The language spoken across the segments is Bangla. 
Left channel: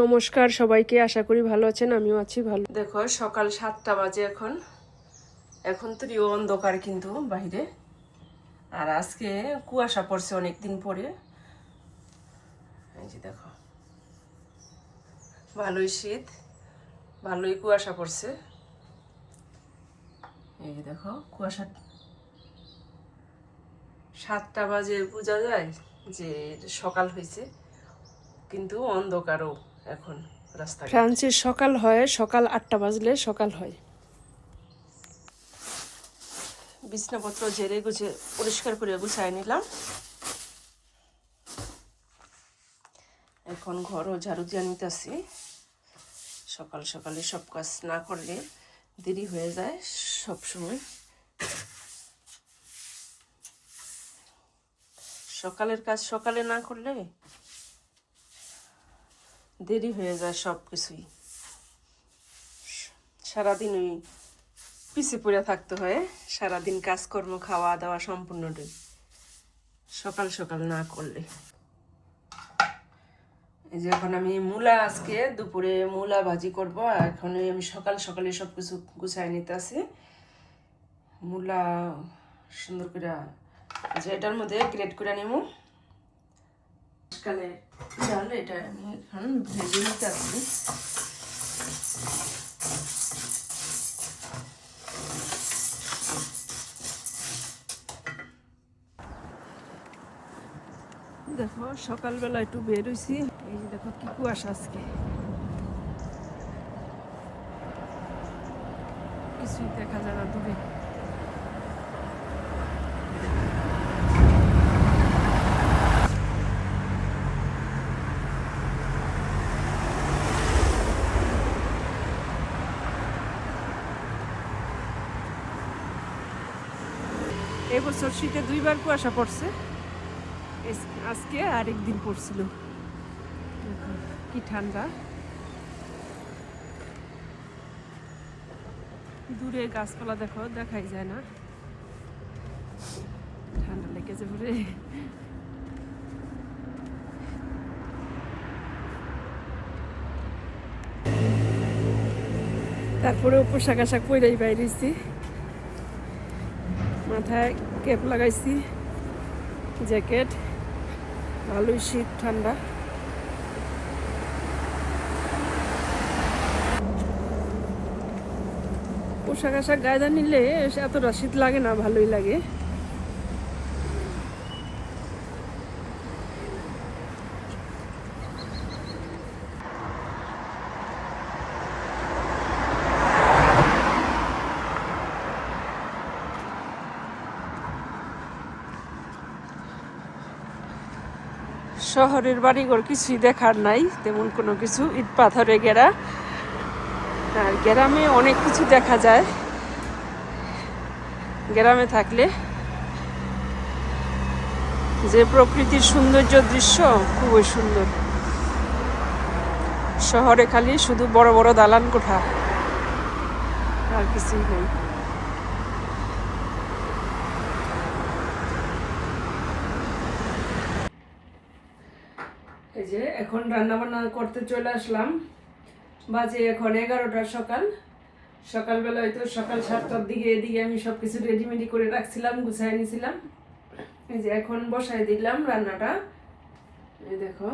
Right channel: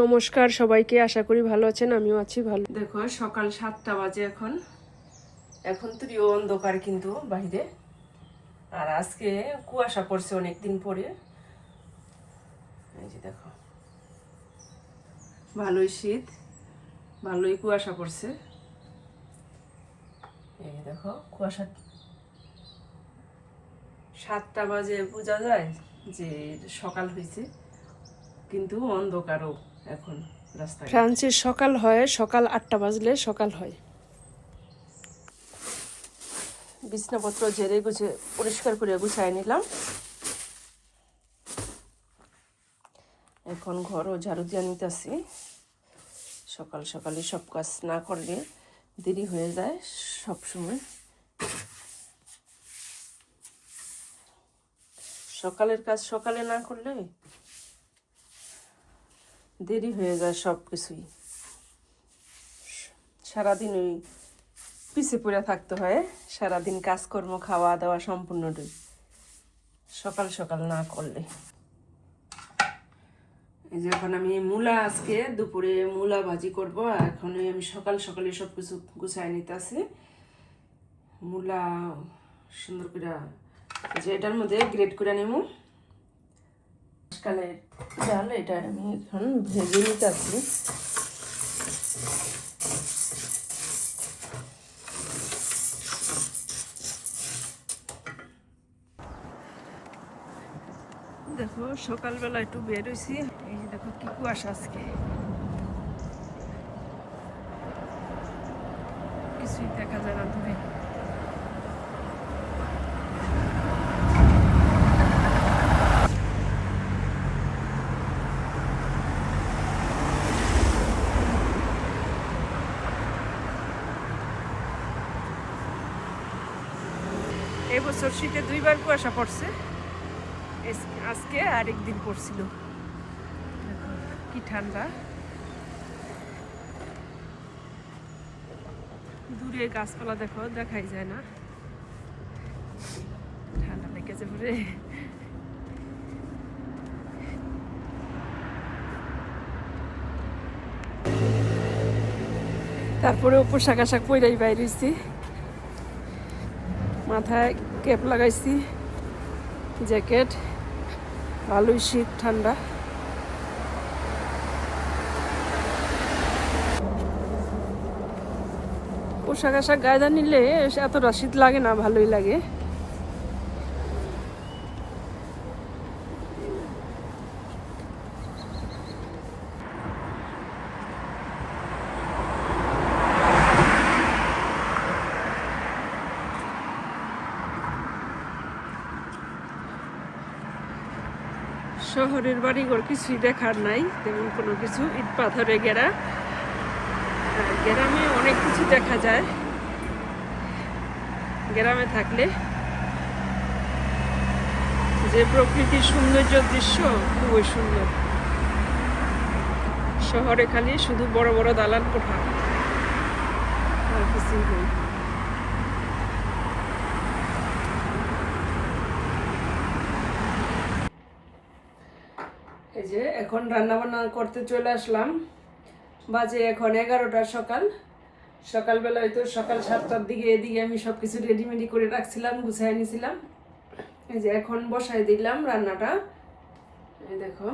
নমস্কার সবাইকে, আশা করি ভালো আছেন, আমিও আছি ভালো। দেখো, সকাল সাতটা বাজে এখন। এখন তো অন্ধকার কিন্তু বাইরে আর আজকে কুয়াশা পড়ছে অনেকদিন পরে। এই যে দেখো। ভালোই শীত, ভালোই কুয়াশা পড়ছে। এই যে দেখো, কুয়াশা সাতটা বাজে, বোঝা যায় যে সকাল হয়েছে, কিন্তু অন্ধকারও। এখন রাস্তা ফ্রান্সের সকাল হয় সকাল আটটা বাজলে সকাল হয়। বিছনাপত্র ঝেড়ে গুছে পরিষ্কার করে গুছাই নিলাম। এখন ঘরও ঝাড়ু দিয়ে নিতেছি। সকাল সকালে সব কাজ না করলে দেরি হয়ে যায় সব সময়। সকালের কাজ সকালে না করলে দেরি হয়ে যায় সব কিছুই সারাদিন ওই পিছে পড়ে থাকতে হয়, সারাদিন কাজকর্ম খাওয়া দাওয়া সম্পূর্ণটাই। সকাল সকাল না করলে। এই যে এখন আমি মূলা আজকে দুপুরে মূলা ভাজি করব এখন আমি সকাল সকালে সব কিছু গুছাই নিতে আছি মূলা সুন্দর করে যে এটার মধ্যে গ্রেট করে নেব কালের চাল এটা আমি এখন ভেজে দেখো, সকালবেলা একটু বের হয়েছি এই যে দেখো কি কুয়াশা আজকে। কিছুই দেখা যায় না শীতে দুইবার কুয়াশা পড়ছে। আজকে আর একদিন পড়ছিল। কি ঠান্ডা। দূরে গাছপালা দেখো, দেখাই যায় না। ঠান্ডা লেগেছে পরে তারপরে পোশাক আশাক পইরাই বাইরেছি। মাথায় ক্যাপ লাগাইছি, জ্যাকেট, ভালোই শীত, ঠান্ডা। পোশাক আশাক গায়দা নিলে এতটা শীত লাগে না, ভালোই লাগে। শহরের বাড়িঘর কিছুই দেখার নাই, তেমন কোনো কিছু। ইট পাথরে ঘেরা আর গ্রামে অনেক কিছু দেখা যায়। গ্রামে থাকলে যে প্রকৃতির সৌন্দর্য দৃশ্য, খুবই সুন্দর। শহরে খালি শুধু বড় বড় দালান কোঠা, আর কিছুই নেই। যে এখন রান্না বান্না করতে চলে আসলাম। বাজে এখন এগারোটার সকাল। সকালবেলা হয়তো সকাল সাতটার দিকে এদিকে আমি সব কিছু রেডিমেডি করে রাখছিলাম গুছাই নিয়েছিলাম এই যে এখন বসাই দিলাম রান্নাটা। এই দেখো।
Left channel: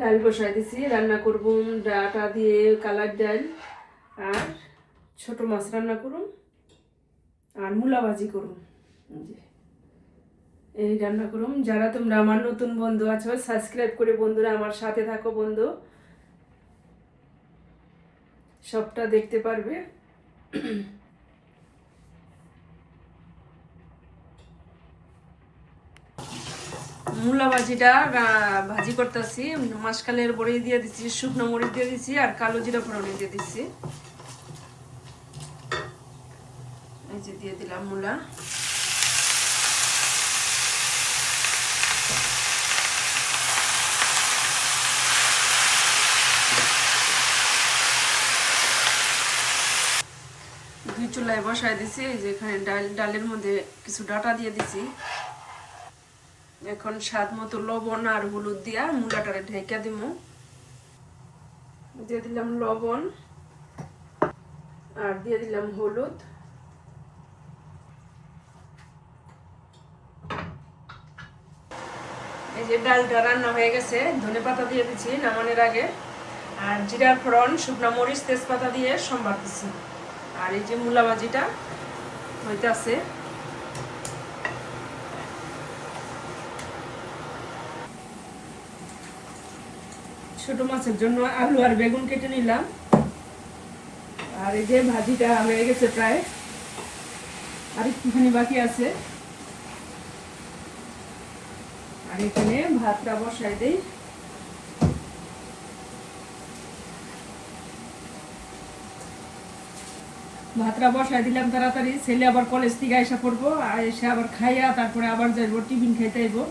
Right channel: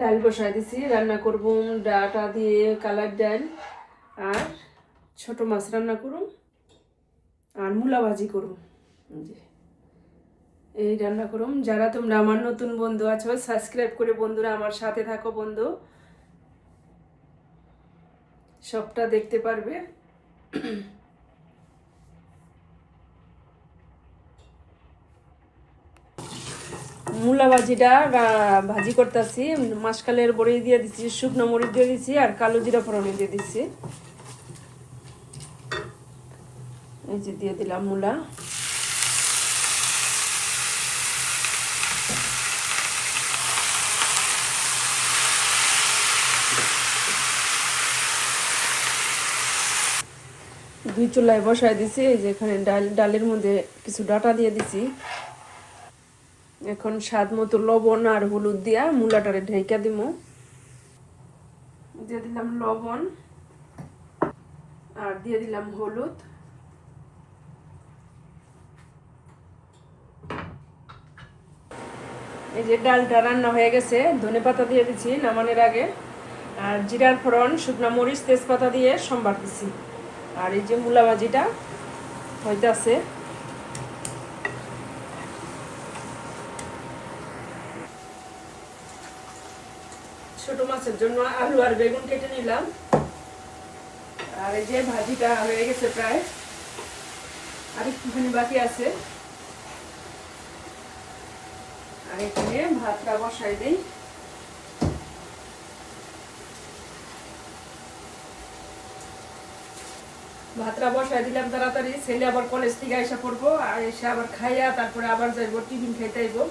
ডাল বসাই দিছি, রান্না করব ডাটা দিয়ে কালার ডাল আর ছোট মাছ রান্না করুন আর মূলা ভাজি করুন এই রান্না করুম যারা তোমরা আমার নতুন বন্ধু আছো সাবস্ক্রাইব করে বন্ধুরা আমার সাথে থাকো বন্ধু। সবটা দেখতে পারবে। মূলা ভাজিটা ভাজি করতেছি। মাসকালের বড়ি দিয়ে দিচ্ছি শুকনো মরিচ দিয়ে দিচ্ছি আর কালো জিরা ফোড়নে দিয়ে দিচ্ছি দিয়ে দিলাম মূলা। দুই চুলায় বসায় দিছি, এই যে এখানে ডাল, ডালের মধ্যে কিছু ডাটা দিয়ে দিছি। এখন স্বাদ মতো লবণ আর হলুদ দিয়া মূলাটারে ঢেকে দিব দিয়ে দিলাম লবণ আর দিয়ে দিলাম হলুদ। এই যে ডালটা রান্না হয়ে গেছে, ধনে পাতা দিয়ে দিচ্ছি নামানের আগে। আর জিরার ফোড়ন, শুকনা মরিচ, তেজপাতা দিয়ে সম্বার দিচ্ছি আর এই যে মূলা ভাজিটা হইতেছে। ছোট মাছের জন্য আলু আর বেগুন কেটে নিলাম। আর এই যে ভাজিটা হয়ে গেছে প্রায়। আর একটুখানি বাকি আছে। আর এখানে ভাতটা বসাই দিই। ভাতটা বসাই দিলাম তাড়াতাড়ি। ছেলে আবার কলেজ থেকে এসে পড়ব এসে আবার খাইয়া তারপরে আবার যাইবো, টিফিন খাইতে আইবো।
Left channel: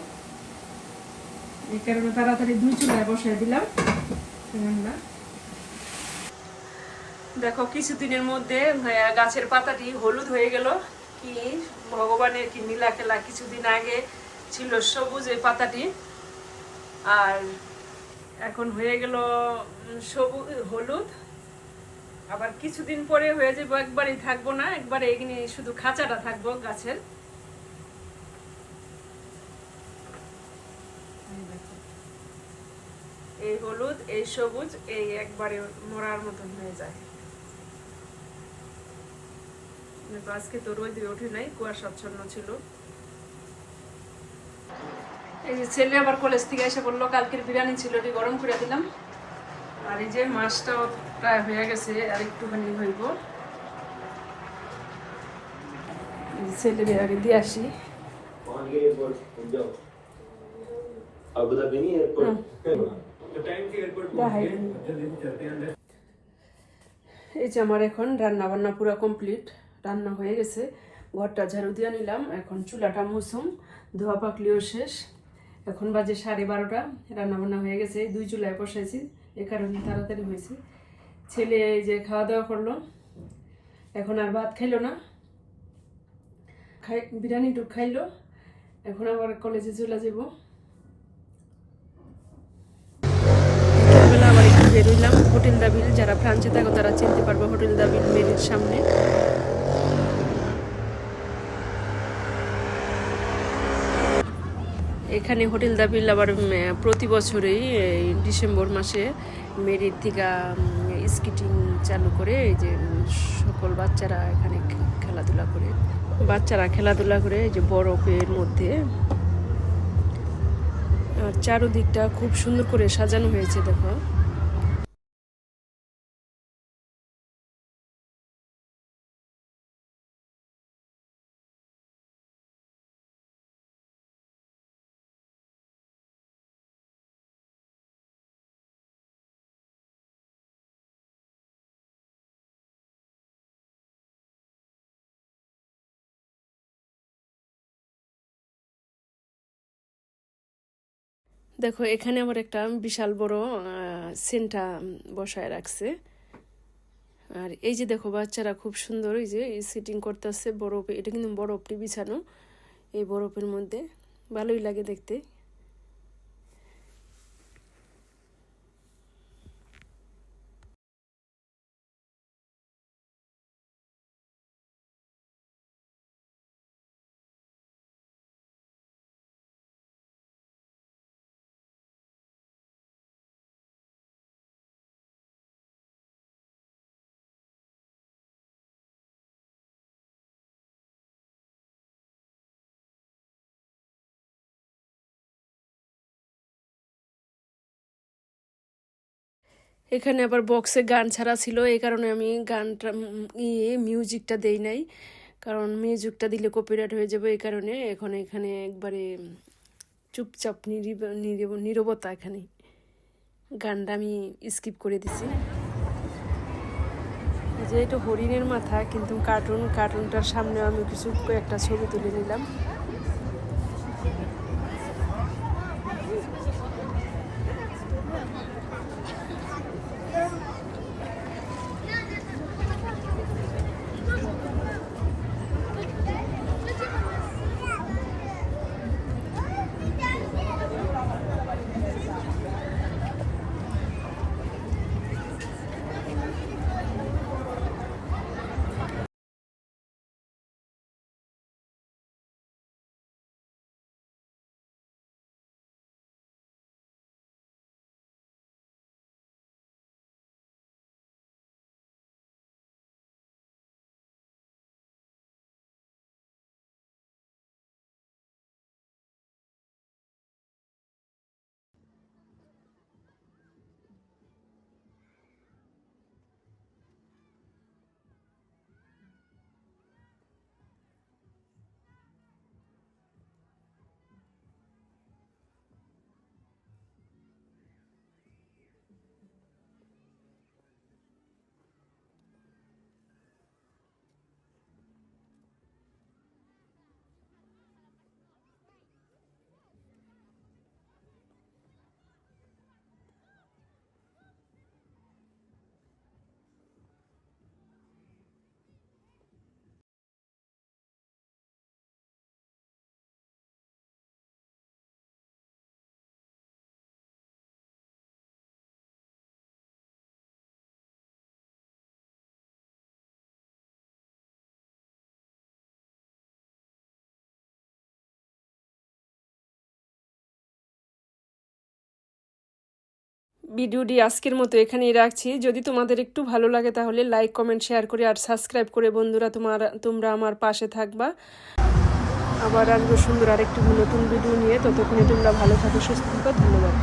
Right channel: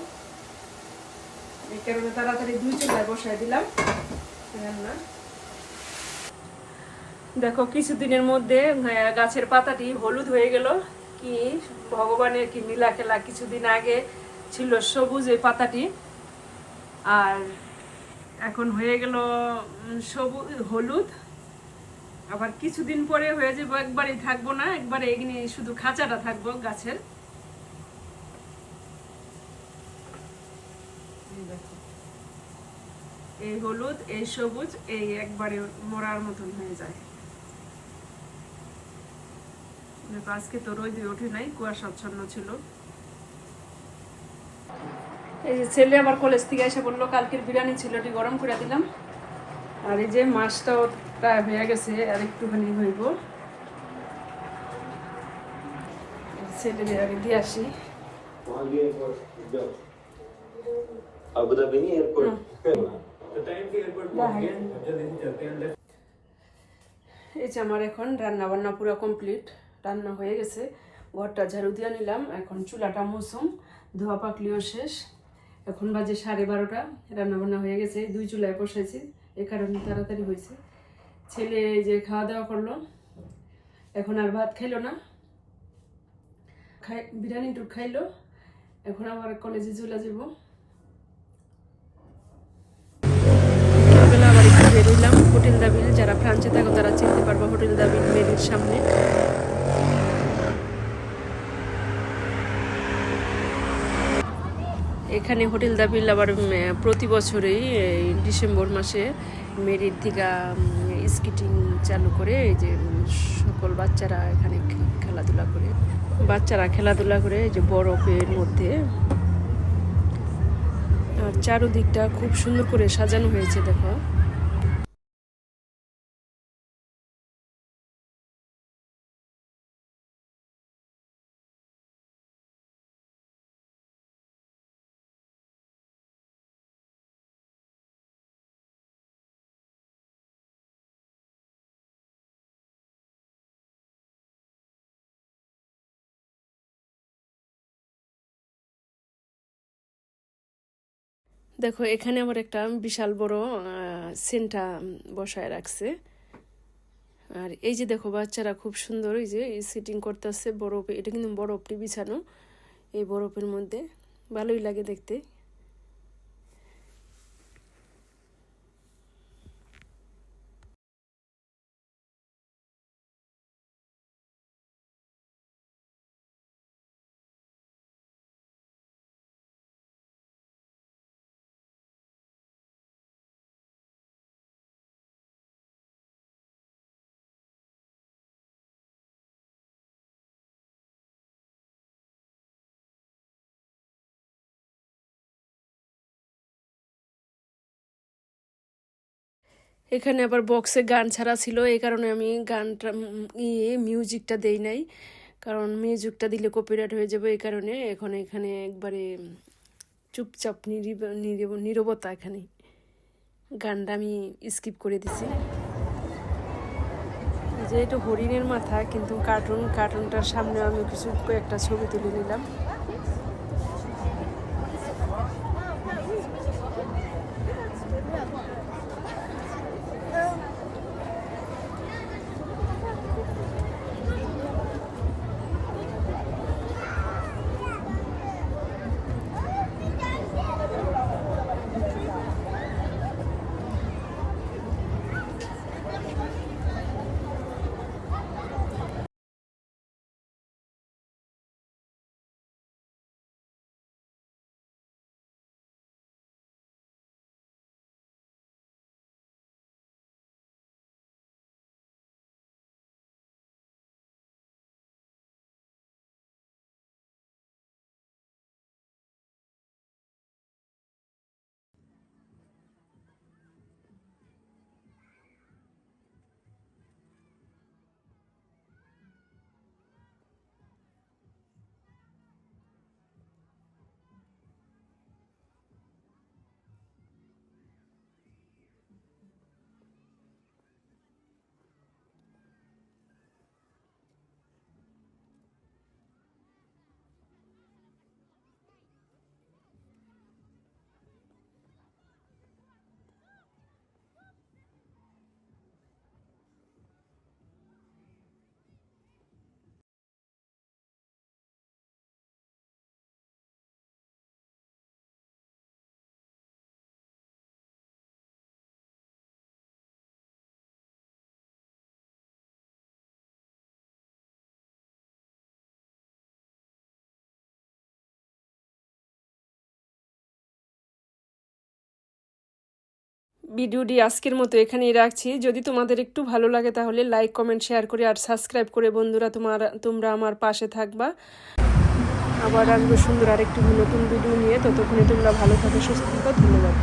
এই কারণে তাড়াতাড়ি দুই চুলায় বসাই দিলাম। দেখো, কিছুদিনের মধ্যে গাছের পাতাটি হলুদ হয়ে গেল। কি ভগবানের কি নীলা খেলা, কিছুদিন আগে ছিল সবুজ এই পাতাটি। আর এখন হয়ে গেল সবুজ হলুদ। আবার কিছুদিন পরে হয়ে যাব, একবারই থাকব না, একবারে এগিয়ে শুধু খাঁচাটা থাকব গাছের। এই হলুদ, এই সবুজ, এই একবারে মরার মতন হয়ে যায়। আজকে তো রোদ ওঠে নাই, কুয়াশাচ্ছন্ন ছিল। এই যে ছেলে আবার কলেজ থেকে এসে বলল, কালকের বিরিয়ানি ছিল গরম করে দিলাম। আর এই যে মাছটাও প্রায় হয়ে গেছে, আর একটুখানি হইব। ছেলে আগে দিয়ে আসি। এই যে আমার এখন রান্না বান্না পুরো কমপ্লিট, রান্না হয়ে গেছে। ঘরটা ঝাড়ু দিয়ে নিলাম, এখন চুলাটা মুসুম ধোয়া পাকলিও শেষ। এখন বাজে সাড়ে বারোটা, রান্নাবান্না হয়ে গেছে। দুই চুলায় বসেছি এ কারণে তাড়াতাড়ি হয়েছে। ছেলে যে খাওয়া দাওয়া করল, এখন আর ভাত খাইলো না। খাই, বিরিয়ানি টুক খাইলো, এখন আবার কলেজে চলে যাব। বিকেলবেলা আবার একটু বেরোইলাম হোটেল দাবিল যারা ফ্রান্সে থাকো তারা চিনতে পারব হোটেল দাবিল মেরির সামনে। এখানে হোটেল দাবিল আবার প্রতি বছরেই ডিসেম্বর মাসে মেরির থেকে স্কেটিং চালু করে, এই যে সকল বাচ্চারা এখানে খেলাধুলা করে। বাচ্চারা খেলাধুলা করে, এই যে বরফের মধ্যে। আর চারোদিকটা খুব সুন্দর করে সাজানো হয়েছে, দেখো। দেখো, এখানে আবার একটা বিশাল বড় সেন্টা বসায় রাখছে। আর এই যে দেখো, বাচ্চারা খুব সুন্দর, এই যে সিটিং করতেছে বরফে এটা কিন্তু বরফটি বিছানো, এই বরফের মধ্যে। ভালোই লাগে দেখতে। এখানে আবার বক্সে গান ছাড়া ছিল, এই কারণে আমি গানটা ইয়ে মিউজিকটা দেই নাই। কারণ মিউজিকটা দিলে কপিরাইট হয়ে যাবে, এই কারণে এখন এখানে একবারে চুপচাপ নিরিব, নিরিব- নীরবতা এখানে। গানটা আমি স্কিপ করে দিছি। যে, এটা হরিণের মাথা, কিন্তু কার্টুন কার্টুনটার সামনে আমি কিছু একটা ছবি তুলে নিলাম। ভিডিওটি আজকের মতো এখানেই রাখছি। যদি তোমাদের একটু ভালো লাগে তাহলে লাইক, কমেন্ট, শেয়ার করে আর সাবস্ক্রাইব করে বন্ধুরা তোমার, তোমরা আমার পাশে থাকবা। আবার আসব সুন্দর আরেকটু নতুন ভিডিও নিয়ে। ততক্ষণে তোমরা ভালো থাকো, সুস্থ থাকো, ধন্যবাদ।